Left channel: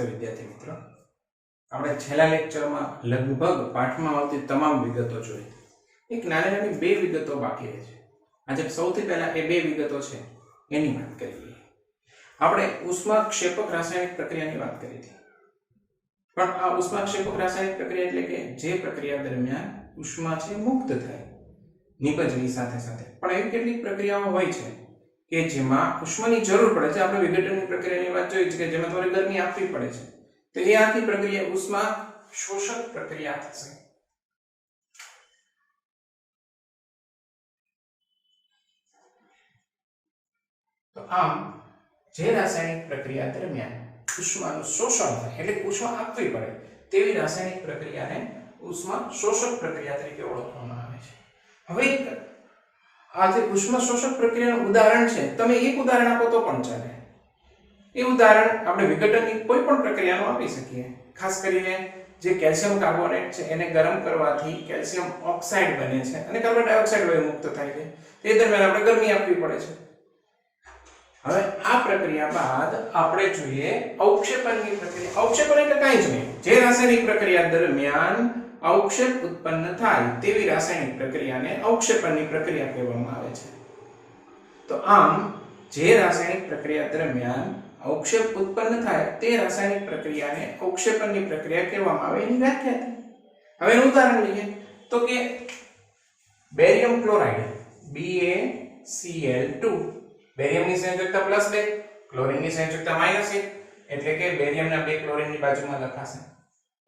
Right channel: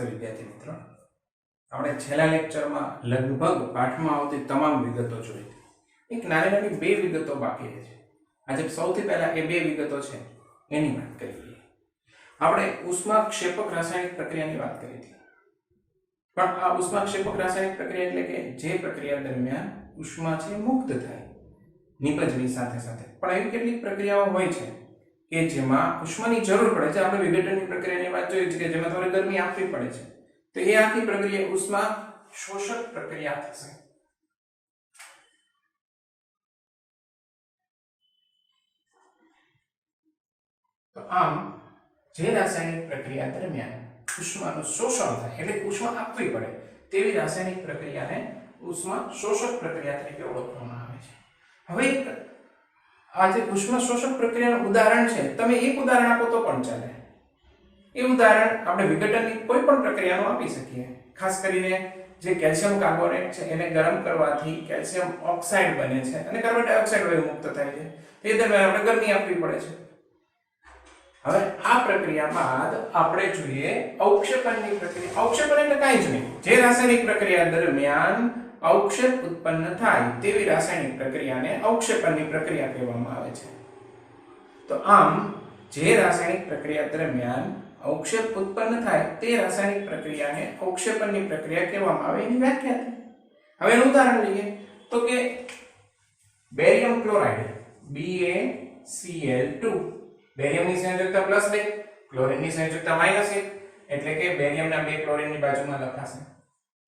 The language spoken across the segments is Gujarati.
નમસ્તે વિદ્યાર્થી મિત્રો, આપણે છેલ્લા લેક્ચરમાં લગભગ પાઠમાં આવતી તમામ વિગતો જોઈ. એક નાની નાની બે વિગતો બાકી છે. આજે સૌથી પહેલા એ બે વિગતો છે એની વાત કરી લઈએ. આપણે ઉષ્માક્ષેપક રાસાયણિક પ્રક્રિયાની વાત કરી હતી, પણ આ ઉષ્માક્ષેપક રાસાયણિક પ્રક્રિયા એટલે કે જે પ્રક્રિયા દરમિયાન ઉષ્મા છે મુક્ત થાય નિપજની સાથે સાથે, પણ એવી કેટલીક પ્રક્રિયાઓ હોય છે કે જેમાં ઉષ્માની જરૂર પડે છે. આપણે વિઘટનની પ્રક્રિયાની વાત જોઈ છે કે જેમાં તમારે ગરમી આપવી પડે છે, તો એ આખી પ્રક્રિયા ઉષ્મા શોષક પ્રક્રિયા થશે. તો આમ જે રાસાયણિક પ્રક્રિયા દરમિયાન ઉષ્માનું શોષણ થાય એટલે ઉષ્મા આપવી પડે તેવી રાસાયણિક પ્રક્રિયાને ઉષ્મા શોષક પ્રક્રિયા તરીકે ઓળખવામાં આવે છે. હવે આ જે ઉષ્મા શોષક પ્રક્રિયાનું ઉદાહરણ છે, તમે એક ઉદાહરણ આપો તો પણ ચાલે. એ ઉદાહરણ આપણે વિઘટનની કોઈ પણ પ્રક્રિયાનું આપી શકીએ. ખાસ કરીને જે કેલ્શિયમ કાર્બોનેટ છે એને ગરમ કરવાથી કેલ્શિયમ ઓક્સાઇડ બને છે અને કાર્બન ડાયોક્સાઇડ વાયુ મુક્ત થાય છે. તે દરમિયાન આપણે ગરમી આપવી પડે છે. હવે આ પ્રક્રિયા બાદ આપણે જોઈએ અવક્ષેપણની પ્રક્રિયા. અવક્ષેપણ એટલે કાંઈ જ નહીં, જે રાસાયણિક પ્રક્રિયા દરમિયાન અવક્ષેપ ઉત્પન્ન થાય તેવી રાસાયણિક પ્રક્રિયાને અવક્ષેપણની પ્રક્રિયા કહેવામાં આવે છે. તો આમ જે રાસાયણિક પ્રક્રિયા દરમિયાન અવક્ષેપ ઉત્પન્ન થાય તે રાસાયણિક પ્રક્રિયાને અવક્ષેપણની પ્રક્રિયા કહેવામાં આવે એની વ્યાખ્યા હતી. હવે એનું ઉદાહરણ લઈએ તો કે બેરિયમ ક્લોરાઇડ BaCl2, બેરિયમની સંયોજકતા +2, ક્લોરીનની સંયોજકતા -1, એટલે કે બેરિયમના બે ક્લોરીનની બાજુમાં લખાશે.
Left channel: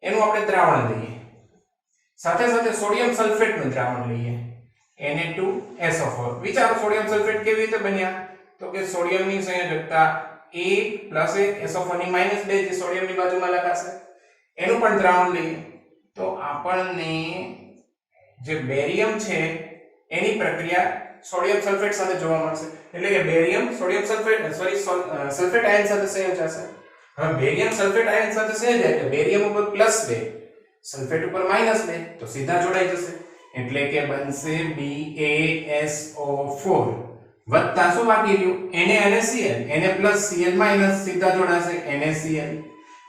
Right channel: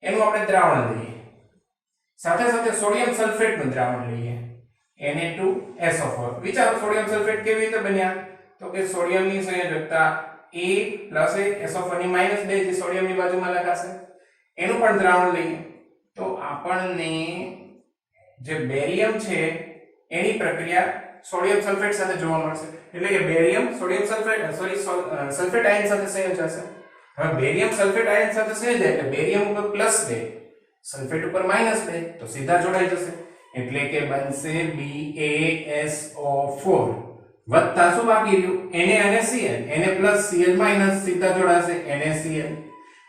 એનું આપણે દ્રાવણ લઈએ. સાથે સાથે સોડિયમ સલ્ફેટનું દ્રાવણ લઈએ, Na2SO4. વિચારો સોડિયમ સલ્ફેટ કેવી રીતે બન્યા? તો કે સોડિયમની સંયોજકતા A + SO4 ની -2 જે સોડિયમની બાજુમાં લખાશે, એનું પણ દ્રાવણ લઈએ તો આપણને જે બેરિયમ છે એની પ્રક્રિયા સોડિયમ સલ્ફેટ સાથે જોવા મળશે. એટલે કે barium sodium sulphate sulphate ion સાથે સંયોજાશે. હવે બેરિયમ સલ્ફેટ આયન સાથે સંયોજાય એટલે બેરિયમ ઉપર +2, સલ્ફેટ ઉપર -2, તો સીધા જોડાઈ જશે. એટલે કે બનશે BaSO4 વત્તા શું બાકી રહ્યું? Na અને Cl. Na + Cl - સીધા જોડાશે NaCl.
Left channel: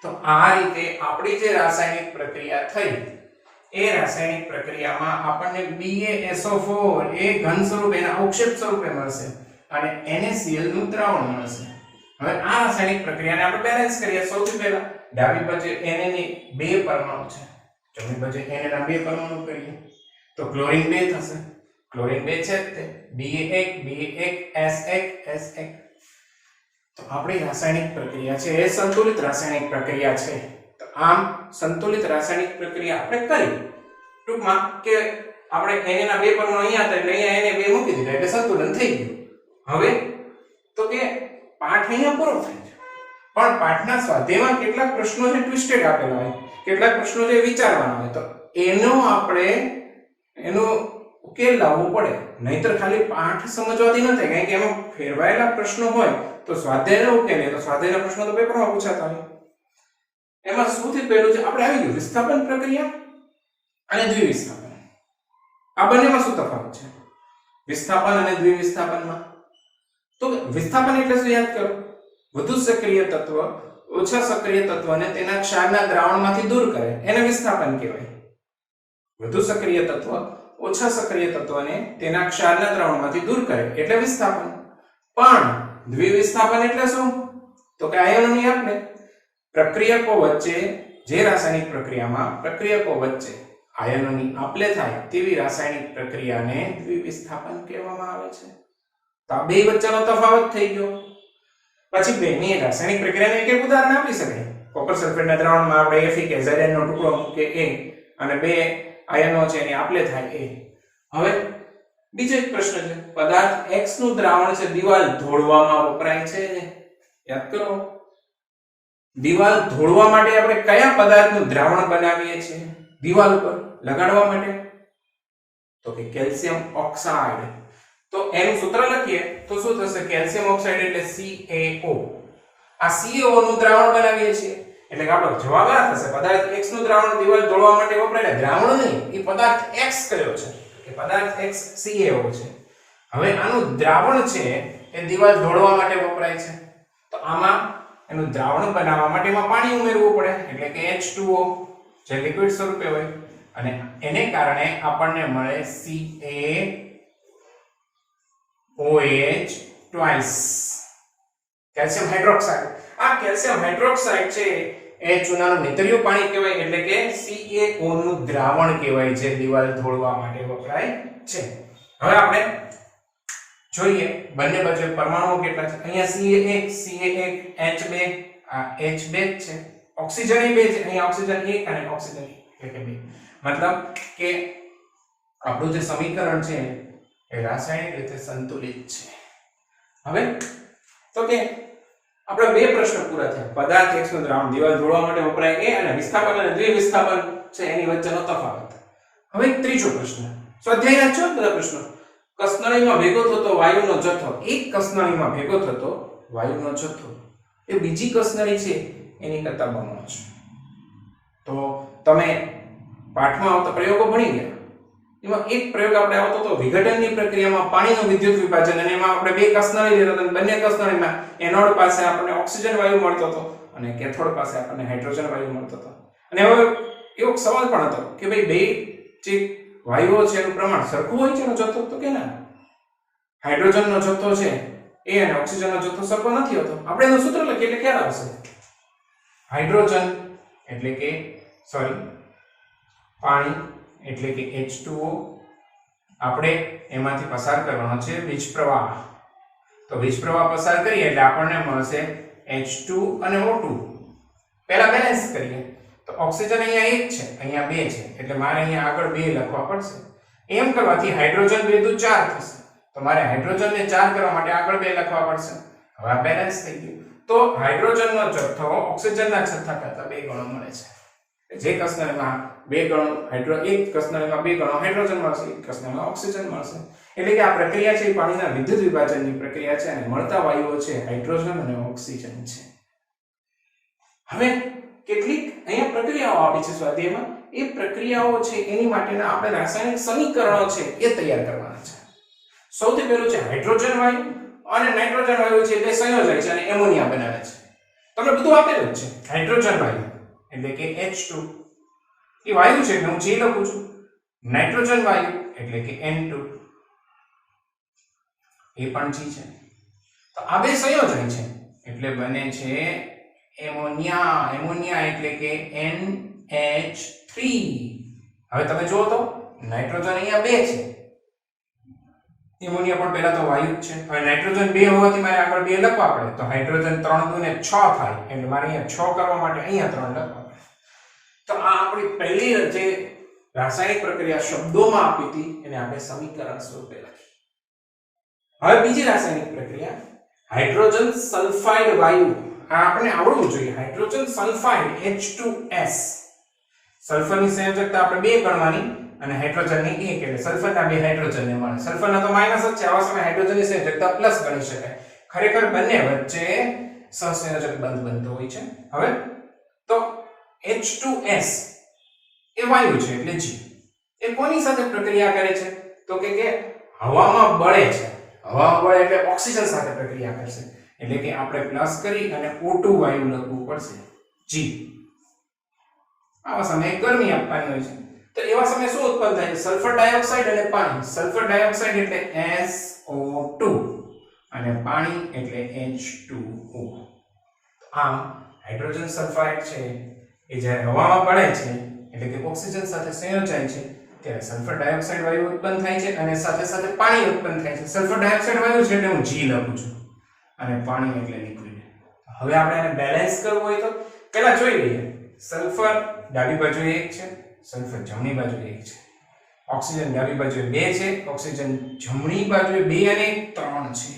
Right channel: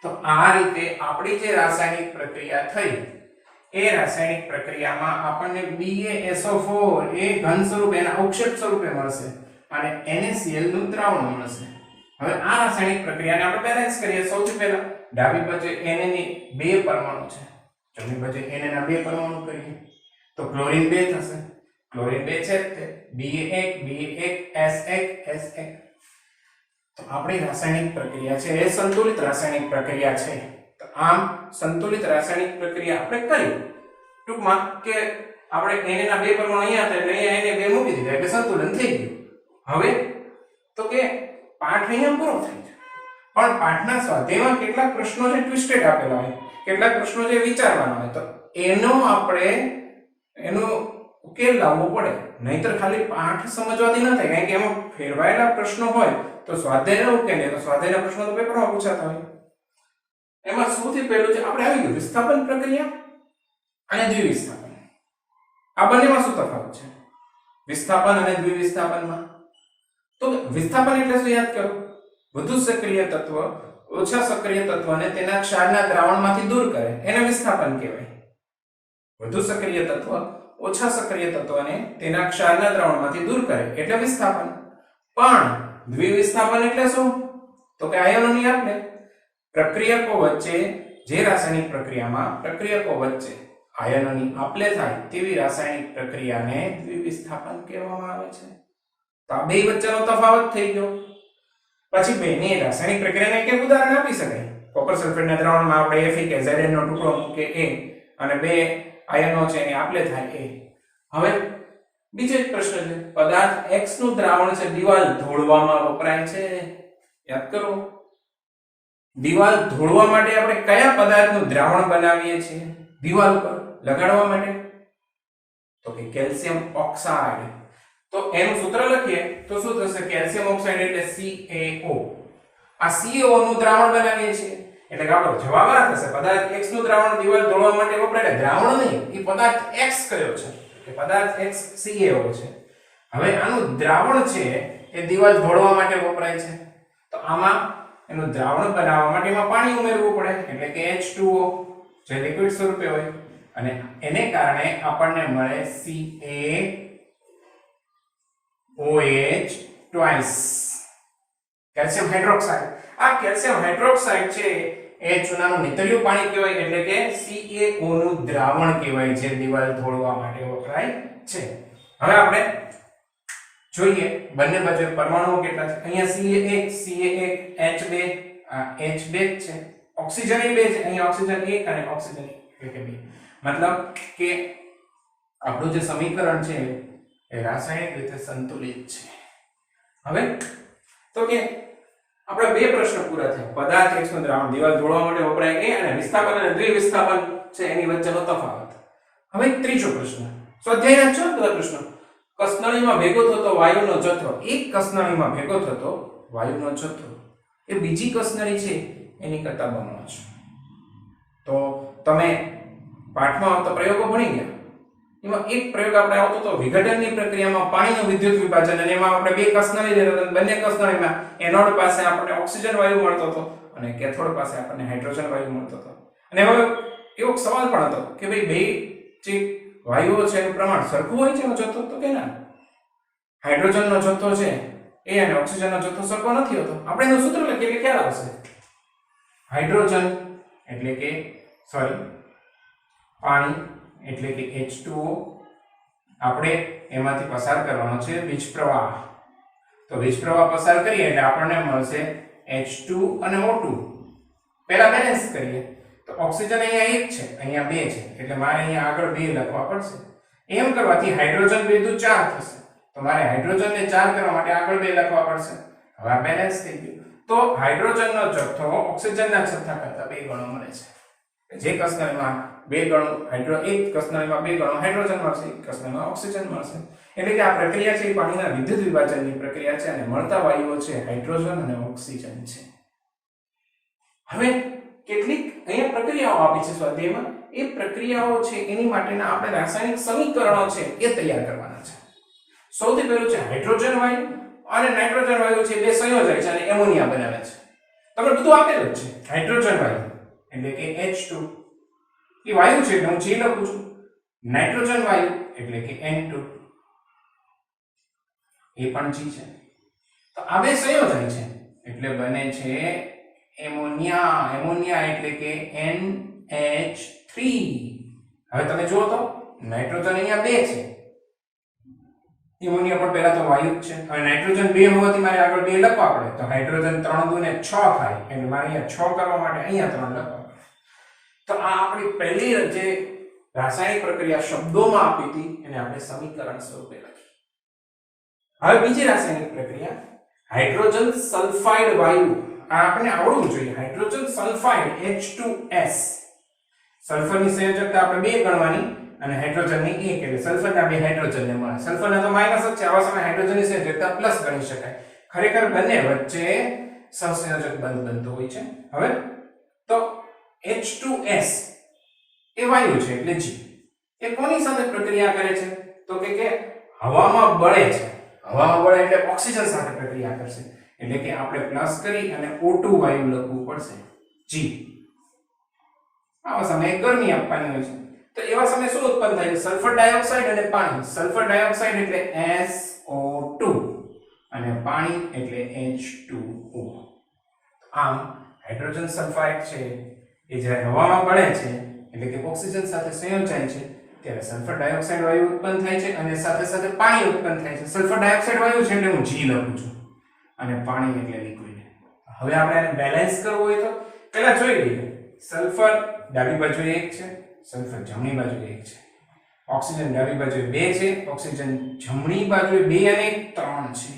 તો આ રીતે આપણી જે રાસાયણિક પ્રક્રિયા થઈ એ રાસાયણિક પ્રક્રિયામાં આપણને BaSO4 એ ઘન સ્વરૂપે એના અવક્ષેપ સ્વરૂપે મળશે અને NaCl નું દ્રાવણ મળશે. હવે આ રાસાયણિક પ્રક્રિયાને આપણે બેલેન્સ કરીએ. સૌથી પહેલા ડાબી બાજુ Na ની બે પરમાણુ છે, જમણી બાજુ Na ના બે પરમાણુ કરીએ તો ક્લોરીન 2 થશે. ક્લોરીન 2 છે તે B1 તો આપણી રાસાયણિક પ્રક્રિયા છે એ સંતુલિત રાસાયણિક પ્રક્રિયા છે. તો આમ સંતુલિત રાસાયણિક પ્રક્રિયા આપણે કરી. ટૂંકમાં કે આપણે Na ના બે પરમાણુ અહીંયા હતા એટલે અહીંયા Na 2 મૂકી દીધા એટલે સંતુલન થઈ ગયું. હવે તો કે પાઠ અહીંયા પૂરો થાય છે, પણ પાઠના સ્વાધ્યાયમાં કેટલાક પ્રશ્નો છે ટ્વિસ્ટેડ આપેલા હોય, કેટલાક પ્રશ્નો છે વિચારવાના હોય, તો એનો ઉકેલ લાવવો પડે. નહીતર ખાલી પાઠ સમજવાથી ન થાય, કારણ કે એમાં ફેરવાયેલા પ્રશ્નો હોય તો સ્વાધ્યાયનો ઉકેલ તો સ્વાધ્યાયના પ્રશ્નો તો પેપરમાં પૂછાતા હોય. એમાં સૌથી પહેલું છે આપણે આવી ગયું વિસ્થાપન પ્રક્રિયા અને દ્વિવિસ્થાપન. આ બંનેમાં શું તફાવત છે વિસ્થાપન અને દ્વિવિસ્થાપનમાં? તો વિસ્થાપન એટલે શું યાદ કરો? વધુ સક્રિય તત્વ ઓછા સક્રિય તત્વને તેના ક્ષારના દ્રાવણમાંથી દૂર કરે, એને વિસ્થાપન કહેવાય. વધુ સક્રિય તત્વ ઓછા સક્રિય તત્વને તેના ક્ષારના દ્રાવણમાંથી દૂર કરે એટલે વિસ્થાપન. પણ દ્વિવિસ્થાપન એટલે શું? તો કે આયનોની આપલે પ્રક્રિયકો વચ્ચે, જે રાસાયણિક પ્રક્રિયામાં પ્રક્રિયકો વચ્ચે આયનોની આપલે થાય તેવી રાસાયણિક પ્રક્રિયાને દ્વિવિસ્થાપન કહેવામાં આવે છે. તો આ બે વચ્ચેનો તફાવત થઈ ગયો. પછી બેની રાસાયણિક પ્રક્રિયાને એક ઉદાહરણ આપી શકાય. કોપર સલ્ફેટના દ્રાવણમાં આપણે FeKZn નો ટુકડો મૂકીએ A અને બે આયનો છે એની આપલે થાય A. હવે બીજો એક પ્રશ્ન છે, પદાર્થ X નું દ્રાવણ છે દિવાલ ધોળવામાં વપરાય છે. યાદ કરો, દિવાલ ધોળવા માટે આપણે કયા પદાર્થનું દ્રાવણ બનાવીએ છીએ દિવાલ પર લગાડવા માટે? તો કે કેલ્શિયમ ઓક્સાઇડ. તો એનું સૂત્ર લખીએ તો શું થશે? કેલ્શિયમ ઓક્સાઇડ એટલે CaO. આ CaO નું દ્રાવણ બનાવીએ છીએ એટલે કે આપણો જવાબ આ થશે. પદાર્થ X નું દ્રાવણ દિવાલ ધોળવા માટે વપરાય. દ્રાવણ નહીં, એ પદાર્થ X કયો છે કે પદાર્થ X CaO છે. હવે આનું દ્રાવણ છે એ દિવાલ ધોળવા માટે વપરાય છે. તો આમાં એનું દ્રાવણ બનાવવા માટે એમાં પાણી ઉમેરવું પડે એટલે કે H2O જે લિક્વિડ સ્વરૂપે હોય અને એને કારણે આપણને મળે CaOH twice કેલ્શિયમ હાઇડ્રોક્સાઇડ. આ કેલ્શિયમ હાઇડ્રોક્સાઇડ છે એ ચૂનાનું નેતરિયું પાણી કહેવાય એટલે કે CaO નું દ્રાવણ કહેવાય છે દિવાલ ધોળવા માટે વપરાય છે. હવે આપણે જોઈએ બંને બાજુ પરમાણુઓ કેટલા છે. અહીંયા CA1 આ H2 છે. ઓક્સિજન એ બે છે, અહીંયા ઓક્સિજન 1 અને ઓક્સિજન 1 એટલે કે 2. મતલબ કે આપણું જે સમીકરણ છે એ રાસાયણિક રીતે સંતુલિત છે. હવે તો કે આપણે બે પ્રશ્ન પૂરા થયા. પદાર્થ X નું દ્રાવણ દિવાલ ધોળવા માટે વપરાય એ અને વિસ્થાપન અને દ્વિવિસ્થાપન છે એની વચ્ચેનો તફાવત. હવે ત્રીજો પ્રશ્ન સ્વાધ્યાય ના 14 બધા પ્રશ્નો. કસનળીમાં ભેગો થતો વાયુનો જથ્થો, એક કસનળીમાં ભેગો થતો વાયુનો જથ્થો એ બીજી કસનળી છે એની કરતા બમણો છે. તો તમે પાઠમાં આવતા પ્રયોગો ભણી ગયા. એમાં એક પ્રયોગ આપણે આવતો તો વિઘટનની પ્રક્રિયામાં પાણીનું વિદ્યુત વિભાજન અને એમાં આપણે બે કસનળી લેતા હતા. બંને કસનળીમાં એનોડ પાસે આપણને ઓક્સિજન વાયુ મળતો હતો અને કેથોડ પાસે આપણને હાઇડ્રોજન વાયુ મળતો હતો. અને હવે એવો સવાલ પણ હતો કે ભાઈ બે જે વાયુઓ છે એનું પ્રમાણ સરખું હોય છે એનો જથ્થો? તો કે ના, હાઇડ્રોજનનો જથ્થો છે એ અને ઓક્સિજનનો જથ્થો સરખો નથી હોતો. આપણે એનું સૂત્ર લખીએ એટલે ખ્યાલ આવશે. હાઇડ્રોજન એટલે કે પાણી એટલે કે H2O આપણે એમાંથી પસાર કરવાનો છે વીજ પ્રવાહ. તો વીજ પ્રવાહ પસાર કરીએ એટલે આપણને મળશે H2 અને O2. પહેલા બેલેન્સ કરીએ તો ઓક્સિજન અહીંયા 1 છે, અહીંયા 2 છે એટલે મારે અહીંયા આગળ 2 લખવા પડશે. એમ કરવાથી હાઇડ્રોજન 2 દુ 4 થશે. તો મારે હાઇડ્રોજનને 4 કરવા માટે આગળ 2 લખવા પડશે. હવે આ બેલેન્સ થઈ ગયું. તો હાઇડ્રોજનનો જથ્થો ઓક્સિજનના જથ્થા કરતા 2 ગણો મળે છે. જે કસનળીમાં 2 ગણો એક કસનળીમાં 2 ગણો હાઇડ્રોજન મળશે, એક કસનળીમાં ઓક્સિજન મળશે. એટલે કે આ પ્રક્રિયા છે એ પાણીના વિદ્યુત વિભાજનની પ્રક્રિયા છે અને મળતા વાયુઓ છે હાઇડ્રોજન અને ઓક્સિજન છે. હવે કેટલીક અહીંયા પ્રક્રિયાઓ આપી છે સ્વાધ્યાયમાં. એ પ્રક્રિયાઓ છે એની માટેના આપણે રાસાયણિક સમીકરણો છે એ તૈયાર કરવાના છે. સૌથી પહેલું છે હાઇડ્રોજન વાયુ અને નાઇટ્રોજન વાયુ છે બે સંયોજન છે અને એમોનિયા બનાવે છે. તમને બધું આપેલું જ છે. હાઇડ્રોજન વાયુ એટલે કે H2 એ વાયુ છે એટલે હું G લખું છું. નાઇટ્રોજન વાયુ એટલે કે N2 એ પણ G છે. તો આ બે સંયોજન છે એટલે બને છે એમોનિયા. એમોનિયા એટલે કે NH3. હવે તમે જુઓ તો નાઇટ્રોજન અહીંયા 2 છે, એમોનિયા પણ પહેલા તો વાયુ જ છે. હવે નાઇટ્રોજન 2 હોવાથી મારે આગળ 2 લખવા પડે. તો હાઇડ્રોજન 3 દુ ને 6 થાય એટલે મારે અહીંયા 6 કરવા માટે અહીંયા 3 લખવા પડે. તો આ આપણી પહેલી જે રાસાયણિક પ્રક્રિયા શબ્દોમાં આપી હતી એને આપણે સમીકરણ સ્વરૂપે લખી. હવે બીજી રાસાયણિક પ્રક્રિયા હાઇડ્રોજન સલ્ફાઇડ વાયુ. આ આપણે આવડવું જોઈએ. Hydrogen sulphide H2S. સલ્ફરની સંયોજકતા આપણે 2 ગણવાની અને હાઇડ્રોજનની 1 એટલે સલ્ફરના 2 હાઇડ્રોજનને મળે. સલ્ફરના તો માઈનસ જ છે. આવા સમયે હાઇડ્રોજનની સંયોજકતા પ્લસ ગણી શકાય. ખરેખર બંને વચ્ચે સહસંયોજક બંધ બનતો હોય છે. હવે તો H2S એ વાયુ છે એટલે G. એ કોની સાથે પ્રક્રિયા કરે છે? તો કે હવામાં બળે છે. હવામાં બળે એટલે ઓક્સિજન સાથે પ્રક્રિયા કરશે. એટલે કે આપણે પ્લસ કરી અને O2 વાયુ લખવું પડશે G. આવા સમયે ગરમી આપવાની હોય છે. તો એવા સમયે શું ઉત્પન્ન થાય છે? સલ્ફર ડાયોક્સાઇડ અને પાણી. સલ્ફર ડાયોક્સાઇડ એટલે SO2 અને પાણી એટલે H2O. આમ હાઇડ્રોજન સલ્ફાઇડ છે એ જ્યારે હવામાં બળે છે એટલે કે ઓક્સિજન સાથે સંયોજાય છે ત્યારે સલ્ફર ડાયોક્સાઇડ વાયુ ઉત્પન્ન થાય છે અને સાથે સાથે પાણી ઉત્પન્ન થાય છે. સલ્ફર ડાયોક્સાઇડ વાયુ છે એટલે હું G લખું છું અને પાણી એટલે લિક્વિડ. હવે આપણે આને બેલેન્સ કરવું હોય તો પહેલા જોઈ લઈએ. સલ્ફર ડાબી બાજુએ 1 છે, સલ્ફર જમણી બાજુએ 1 છે. ઓક્સિજન ડાબી બાજુએ 2 છે, ઓક્સિજન જમણી બાજુએ 2 અને 3 છે.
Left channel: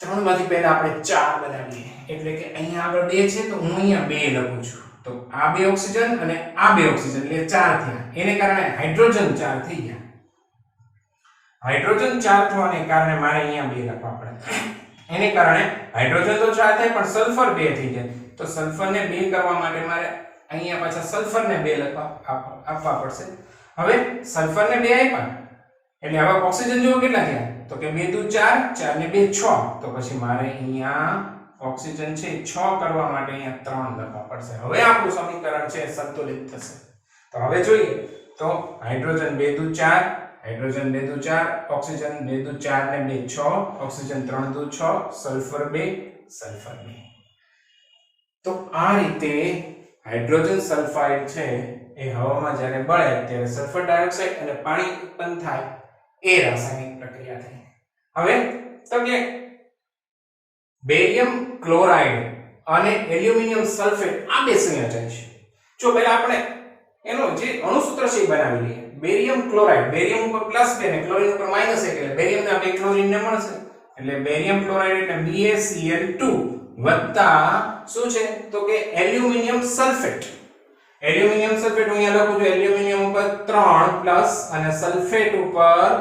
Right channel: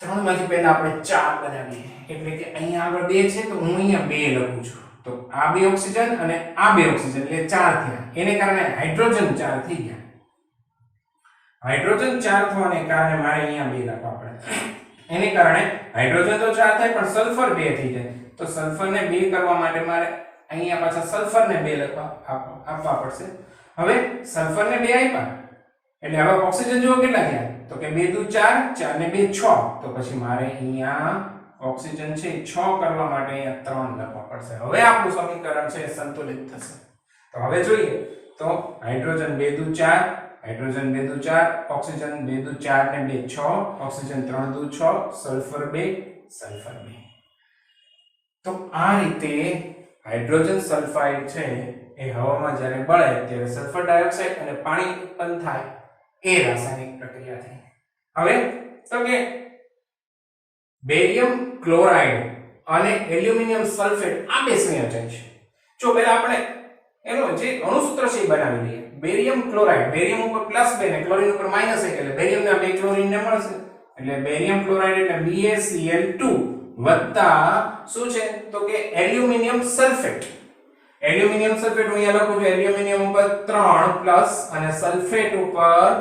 3 માંથી પહેલા આપણે 4 બનાવીએ એટલે કે અહીંયા આગળ 2 છે તો હું અહીંયા 2 લખું છું. તો આ 2 ઓક્સિજન અને આ 2 ઓક્સિજન એટલે 4 થયા. એને કારણે હાઇડ્રોજન 4 થઈ ગયા. હાઇડ્રોજન 4 થવાને કારણે મારે અહીંયા 2 લખવા પડે. એને કારણે હાઇડ્રોજન તો 4 થાય પણ સલ્ફર 2 થઈ જાય. તો સલ્ફરને 2 કરવા માટે મારે અહીંયા પાછા સલ્ફરને 2 લખવા આપવા પડશે. હવે સલ્ફરને 2 આપ્યા એટલે હવે ઓક્સિજન જો કેટલા થયા? તો કે 2 દુ 4, 4 ને 2 6. તો પછી મારે અહીંયા ઓક્સિજન છે 6 કરવા માટે અહીંયા 3 લખવા પડશે. હવે આપણું સમીકરણ છે સંતુલિત થશે. તો હવે જોઈએ તો હાઇડ્રોજન 2 દુ 4, હાઇડ્રોજન 2 દુ 4, ઓક્સિજન 2 દુ 4 ને 2 6, ઓક્સિજન 3 દુ 6, સલ્ફર 2, સલ્ફર 2. તો આ રીતે હાઇડ્રોજન સલ્ફાઇડ છે એ હવામાં જ્યારે બળે ત્યારે સલ્ફર ડાયોક્સાઇડ અને પાણી ઉત્પન્ન થાય એ રાસાયણિક પ્રક્રિયા થઈ. હવે તો કે બેરિયમ ક્લોરાઇડ અને એલ્યુમિનિયમ સલ્ફેટ આ બે સંયોજન છે. જો પહેલા આપણે એનો જે અણુસૂત્ર છે એ બનાવી લઈએ. બેરિયમ ક્લોરાઇડ, બેરિયમ ઉપર +2 ને ક્લોરીન ઉપર -1 એટલે બેરિયમના બે ક્લોરીન ને મળશે એટલે બેરિયમ ક્લોરાઇડ એટલે BaCl2 વત્તા શું છે તો કે એલ્યુમિનિયમ સલ્ફેટ. એલ્યુમિનિયમ સલ્ફેટ હું અહીંયા લખું છું એલ્યુમિનિયમ ઉપર 3 પ્લસ અને સલ્ફેટ ઉપર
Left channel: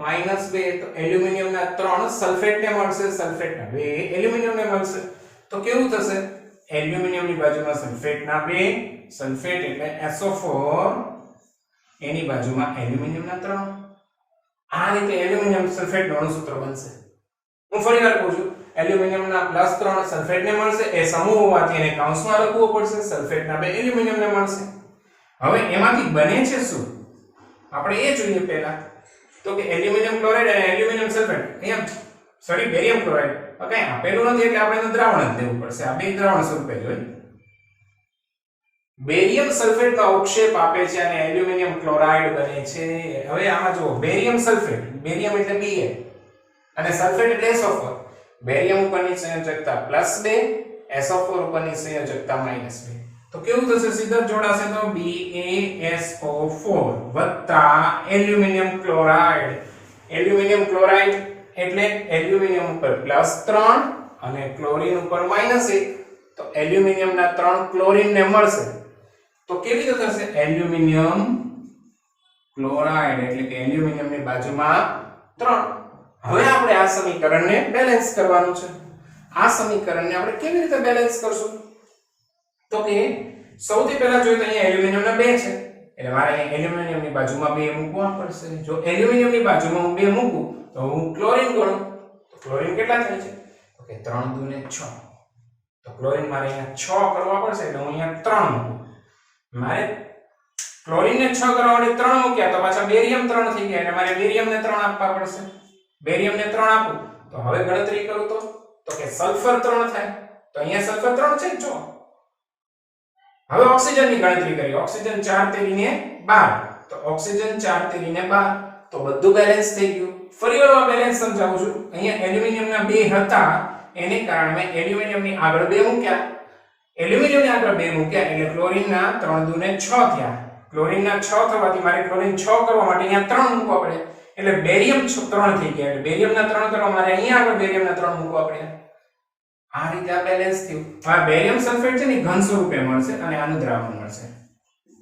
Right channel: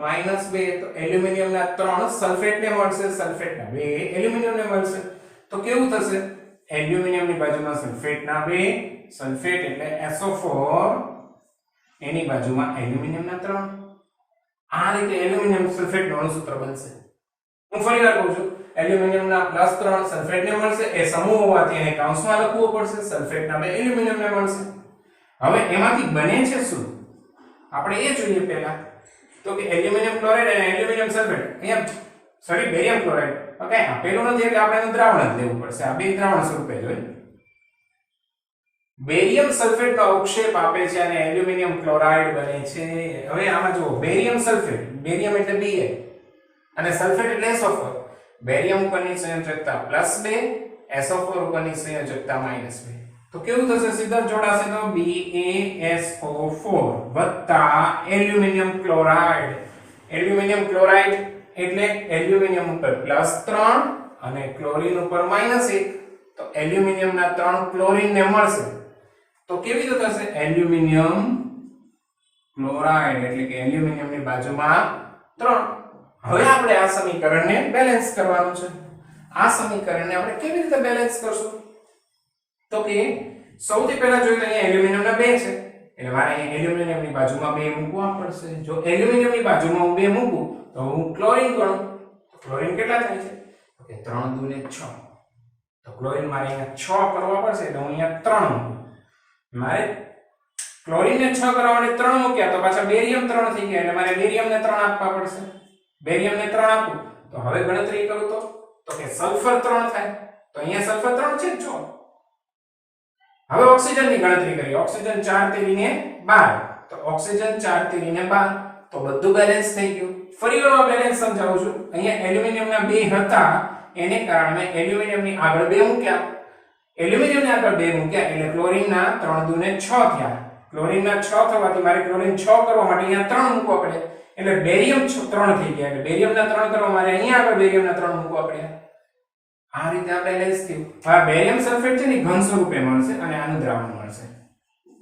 -2 તો એલ્યુમિનિયમ ના 3 સલ્ફેટ ને મળશે, સલ્ફેટ ના 2 એલ્યુમિનિયમ ને મળશે. તો કેવું થશે એલ્યુમિનિયમ ની બાજુમાં સલ્ફેટ ના 2 સલ્ફેટ એટલે SO4 એની બાજુમાં એલ્યુમિનિયમ ના 3. આ રીતે એલ્યુમિનિયમ સલ્ફેટ નું અણુસૂત્ર બનશે. હું ફરીવાર કહું છું એલ્યુમિનિયમ ના +3 સલ્ફેટ ને મળશે એ સમૂહ હોવાથી એને કૌંસમાં લખવું પડશે, સલ્ફેટ ના 2 એલ્યુમિનિયમ ને મળશે. હવે એમાંથી બને છે શું આપણે એ જોઈએ પહેલા તો કે એલ્યુમિનિયમ ક્લોરાઇડ અને એલ્યુમિનિયમ સલ્ફેટ અહીંયા સોરી બેરિયમ ક્લોરાઇડ ઓકે આપેલું નથી એટલે આપણે એનું દ્રાવણ જ લેવું પડશે. આ બે દ્રાવણ સ્વરૂપે જોઈએ. બેરિયમ સલ્ફેટ નો અવક્ષેપ આપે છે અને એલ્યુમિનિયમ ક્લોરાઇડ બને છે. હવે આમાં જુઓ બેરિયમ સલ્ફેટ, બેરિયમ એટલે Ba અને સલ્ફેટ એટલે SO4. બેરિયમ ઉપરની સંયોજકતા +2, SO4 ઉપરની સંયોજકતા -2. તો કેવું થશે સીધા જોડાશે તો BaSO4 વત્તા એલ્યુમિનિયમ ક્લોરાઇડ. એલ્યુમિનિયમ ક્લોરાઇડ એટલે એલ્યુમિનિયમ ઉપર +3 અને ક્લોરીન ઉપર -1 તો એલ્યુમિનિયમ ના 3 ક્લોરીન ને મળશે. તો કેવી રીતે થશે એલ્યુમિનિયમ ક્લોરાઇડ એટલે કે એલ્યુમિનિયમ ની બાજુમાં 3. હવે આપણે આ સમીકરણને બેલેન્સ કરવાનું છે. આ સમીકરણને આપણે કેવી રીતે બેલેન્સ કરશું તો કે સૌથી પહેલા જોઈએ તો અહીંયા એલ્યુમિનિયમ ના 2 છે એટલે મારે અહીં એલ્યુમિનિયમ ની બાજુમાં 2 મૂકવા પડશે. જો એલ્યુમિનિયમ ની બાજુમાં હું 2 મૂકું તો હું ક્લોરીન ગણું તો ક્લોરીન કેટલા થાય છે તો કે 3 દુ ને 6 તો ક્લોરીન મારે અહીંયા 6 કરવા પડશે એટલે હું અહીંયા 3 મૂકું. મારે ક્લોરીન ને 6 કરવા માટે 3 મૂક્યા તો પાછા બેરિયમ 3 થઈ ગયા એટલે મારે બેરિયમ ને 3 આપવા પડશે. બેરિયમ ને 3 આપું તો હવે ગણતરી કરું તો કે સલ્ફર 3 થાય તો અહીંયા સલ્ફર 3 છે જો. હવે ઓક્સિજન ની ગણતરી કરીએ. ઓક્સિજન 4 તેરીને 12 તો ઓક્સિજન 4 તેરીને 12 તો બધું બેલેન્સ થઈ ગયું. ફરીવાર બેલેન્સ સમજાવું છું. અહીંયા એલ્યુમિનિયમ ના 2 હતા એને કારણે મેં એલ્યુમિનિયમ ની આગળ 2 મૂક્યા. એલ્યુમિનિયમ ની આગળ 2 મૂક્યા એટલે ક્લોરીન ના 3 દુ ને 6 થયા. ક્લોરીન ના 6 થવાથી મારે ક્લોરીન 6 કરવા માટે અહીંયા 3 મૂકવા પડે એટલે બેરિયમ 3 થઈ ગયા એટલે બેરિયમ ના 3 કરવા મારે અહીંયા આગળ બેરિયમ ના 3 મૂકવા પડ્યા. આ રીતે આ બેલેન્સ થયું. હવે બેરિયમ સલ્ફેટ છે ને ઘન સ્વરૂપે મળશે અને આનું દ્રાવણ મળશે.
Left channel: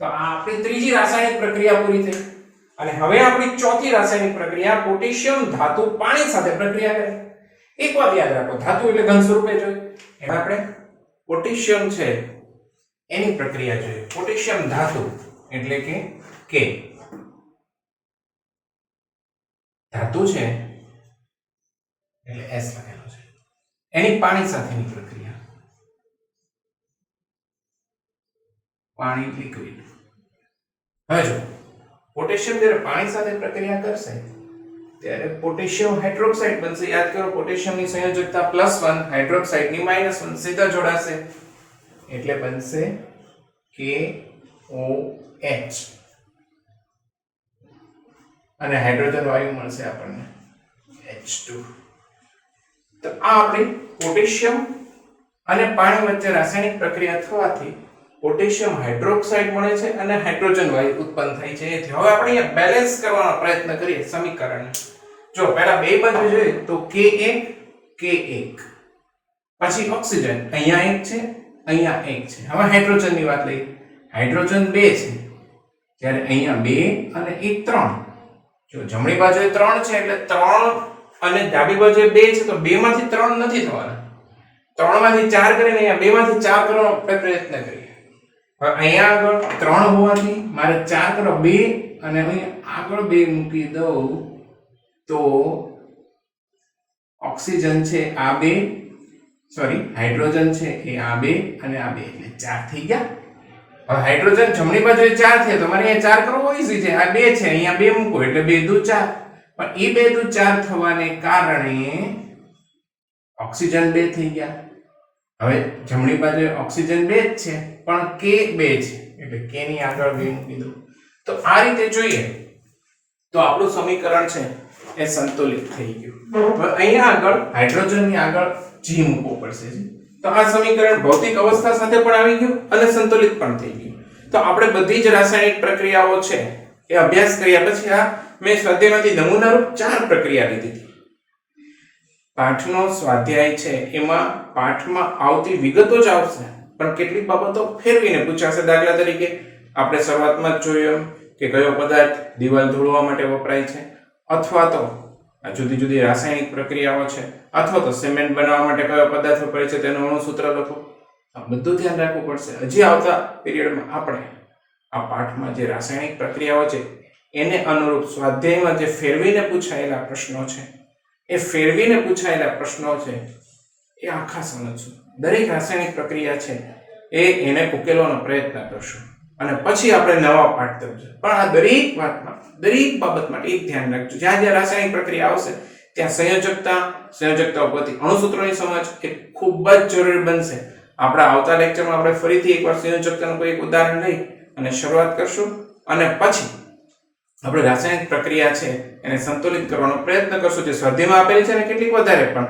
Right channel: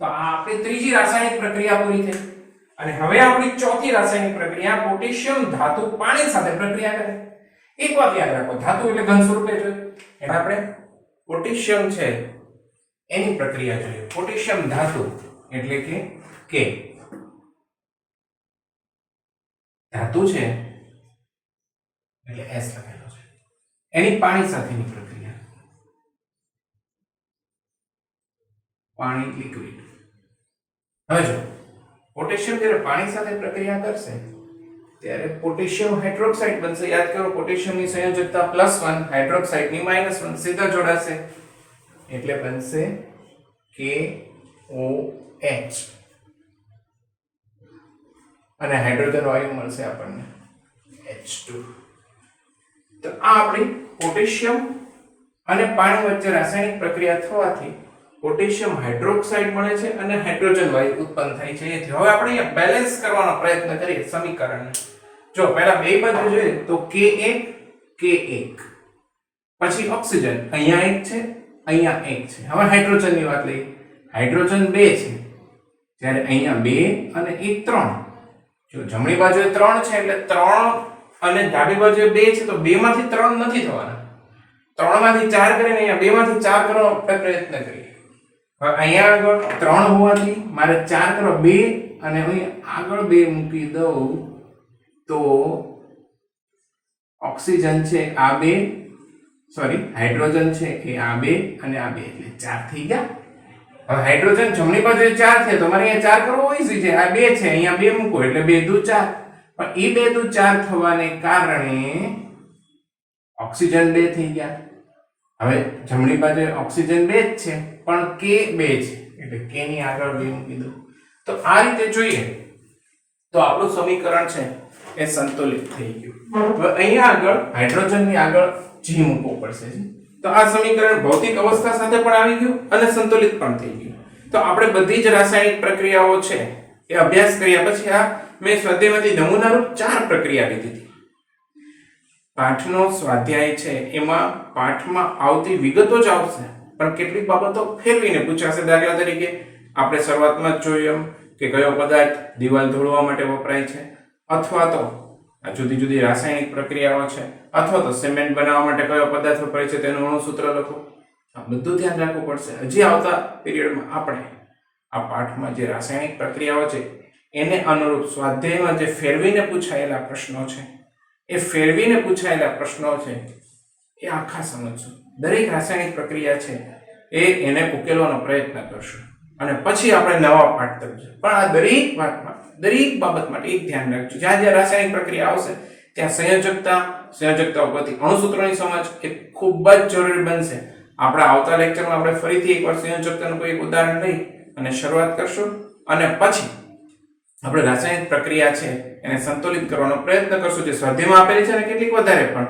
તો આ આપણી ત્રીજી રાસાયણિક પ્રક્રિયા પૂરી થઈ. અને હવે આપણી ચોથી રાસાયણિક પ્રક્રિયા પોટેશિયમ ધાતુ પાણી સાથે પ્રક્રિયા કરે. એક વાત યાદ રાખો ધાતુ એટલે ઘન સ્વરૂપે જોઈએ. એમાં આપણે પોટેશિયમ છે એની પ્રક્રિયા જોઈએ. પોટેશિયમ ધાતુ એટલે કે K ધાતુ છે એટલે S લખેલો છે. એની પાણી સાથેની પ્રક્રિયા પાણી લિક્વિડ. હવે જો પોટેશિયમ જ્યારે પાણી સાથે પ્રક્રિયા કરશે ત્યારે પોટેશિયમ હાઇડ્રોક્સાઇડ બનશે. યાદ કરો પોટેશિયમની સંયોજકતા +1 હાઇડ્રોક્સાઇડની -1 સીધા જોડાશે એટલે બનશે KOH અને હાઇડ્રોજન વાયુ મળશે આપણને H2. તો આ આપણી પોટેશિયમ અને પાણી વચ્ચે રાસાયણિક પ્રક્રિયા થવાથી પોટેશિયમ હાઇડ્રોક્સાઇડ મળે છે અને હાઇડ્રોજન વાયુ ઉત્પન્ન થાય છે. હવે આપણે અહીંયા બેલેન્સ કરવાનો પ્રયત્ન કરીએ સમીકરણને. જો પહેલા બે બાજુ જોઈએ તો K1 પછી ઓક્સિજન અહીંયા 1 છે અહીંયા 1 છે. હવે હાઇડ્રોજનની વાત લઈએ. હાઇડ્રોજન 2 છે જ્યારે અહીંયા 2 અને 1 3. જો જમણી બાજુએ 3 છે એટલે 3 અને ડાબી બાજુએ 2 છે તો 2 માંથી 3 નથી થવાના. 3 માંથી 4 કરીને અહીંયા 2 માંથી 4 કરવાનો પ્રયત્ન કરીએ. હવે અહીંયા આગળ 3 હોવાથી મારે 4 કરો 2 અને અહીંયા આગળ 2 મૂકી દઉં તો ઓક્સિજન છે આ 2 સોરી હાઇડ્રોજન છે એ આ બે અને આ બે એટલે 4 થઈ ગયા. હવે હાઇડ્રોજન જમણી બાજુએ 4 છે તો મારે અહીંયા 4 કરવો ઈઝી છે. આ 2 છે અહીંયા 2 મૂકો એટલે 2 દુ 4. પણ એ 2 દુ 4 થવાને કારણે ઓક્સિજન 2 થઈ ગયા. હવે જમણી બાજુએ ઓક્સિજન 2 જ છે પણ K 2 છે એટલે K ની આગળ 2 મૂકી દો. તો આ રીતે જોઈએ તો આપણું સમીકરણ છે એ સંતુલિત થઈ ગયું. હવે અહીંયા આગળ હાઇડ્રોજન ની આગળ G મૂકવો પડશે. તો આ સમીકરણ ભૌતિક અવસ્થા સાથે પણ આવી ગયું અને સંતુલિત પણ થઈ ગયું. તો આપણે બધી જ રાસાયણિક પ્રક્રિયાઓ છે એ અભ્યાસ કર્યા પછી આ મેં સ્વાધ્યાયમાંથી નમૂનારૂપ 4 પ્રક્રિયા લીધી હતી. પાઠનો સ્વાધ્યાય છે એમાં પાઠમાં આવતી વિગતો જ આવશે પણ કેટલીક બાબતો ફેરવીને પૂછાશે. દાખલા તરીકે આપણે શરૂઆતમાં જ જોયું કે કયો પદાર્થ દિવાલ ધોળવા માટે વપરાય છે, અથવા તો જુદી જુદી રાસાયણિક પ્રક્રિયાઓ છે, અથવા તો સિમેન્ટ બનાવવા માટે કયો પદાર્થ વપરાય છે તેનું અણુસૂત્ર લખો. આ બધું ધ્યાન રાખવું પડશે. હજી આવતા પીરિયડમાં આપણે આ પાઠમાં જે રાસાયણિક પ્રક્રિયાઓ છે એને અનુરૂપ સ્વાધ્યાયમાં જે ફેરવીને પૂછાયેલા પ્રશ્નો છે એ ફેરવીને પૂછાયેલા પ્રશ્નો છે એ આખા સમજશું. દરેક રાસાયણિક પ્રક્રિયા છે એને ઉકેલવાનો પ્રયત્ન કરશું અને પછી આપણે નવા પાઠ તરફ. પણ આ દરેક વાતમાં દરેક બાબત માટે એક ધ્યાન રાખજો, જ્યાં જ્યાં રાસાયણિક પ્રક્રિયા આવશે ત્યાં સંયોજકતા ઉપરથી અણુસૂત્રોની સમજ એ ખૂબ જ જરૂરી બનશે. આપણા આવતા લેક્ચરમાં આપણે ફરીથી એકવાર સંયોજકતાનું કોઈ એક ઉદાહરણ લઈ અને શરૂઆત કરશું અને પછી આપણે રાસાયણિક પ્રક્રિયા છે એને સંતુલિત કરવાનો પ્રયત્ન કરશું જે સ્વાધ્યાયમાં આપેલી છે અને કેટલીક વધારે પણ.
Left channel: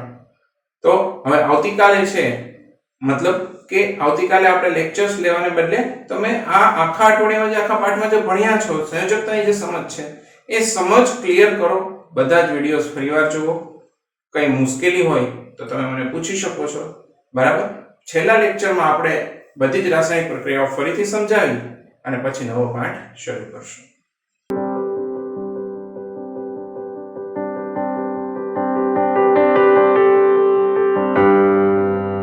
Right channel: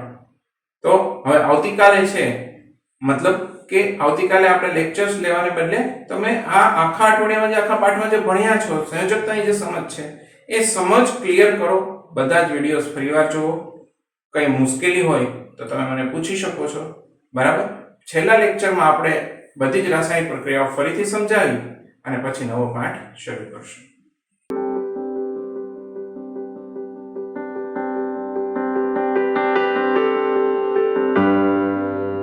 તો હવે આવતીકાલે છે મતલબ કે આવતીકાલે આપણે લેક્ચર્સ લેવાને બદલે તમે આ આખા અઠવાડિયામાં જે આખા પાઠમાં જે ભણ્યા છો સંયોજકતાની જે સમજ છે એ સમજ ક્લિયર કરો. બધા જ વિડીયોઝ ફરીવાર જુઓ. કઈ મુશ્કેલી હોય તો તમે મને પૂછી શકો છો. બરાબર. છેલ્લા લેક્ચરમાં આપણે બધી જ રાસાયણિક પ્રક્રિયાઓ ફરીથી સમજાવી અને પછી નવો પાઠ શરૂ કરશું.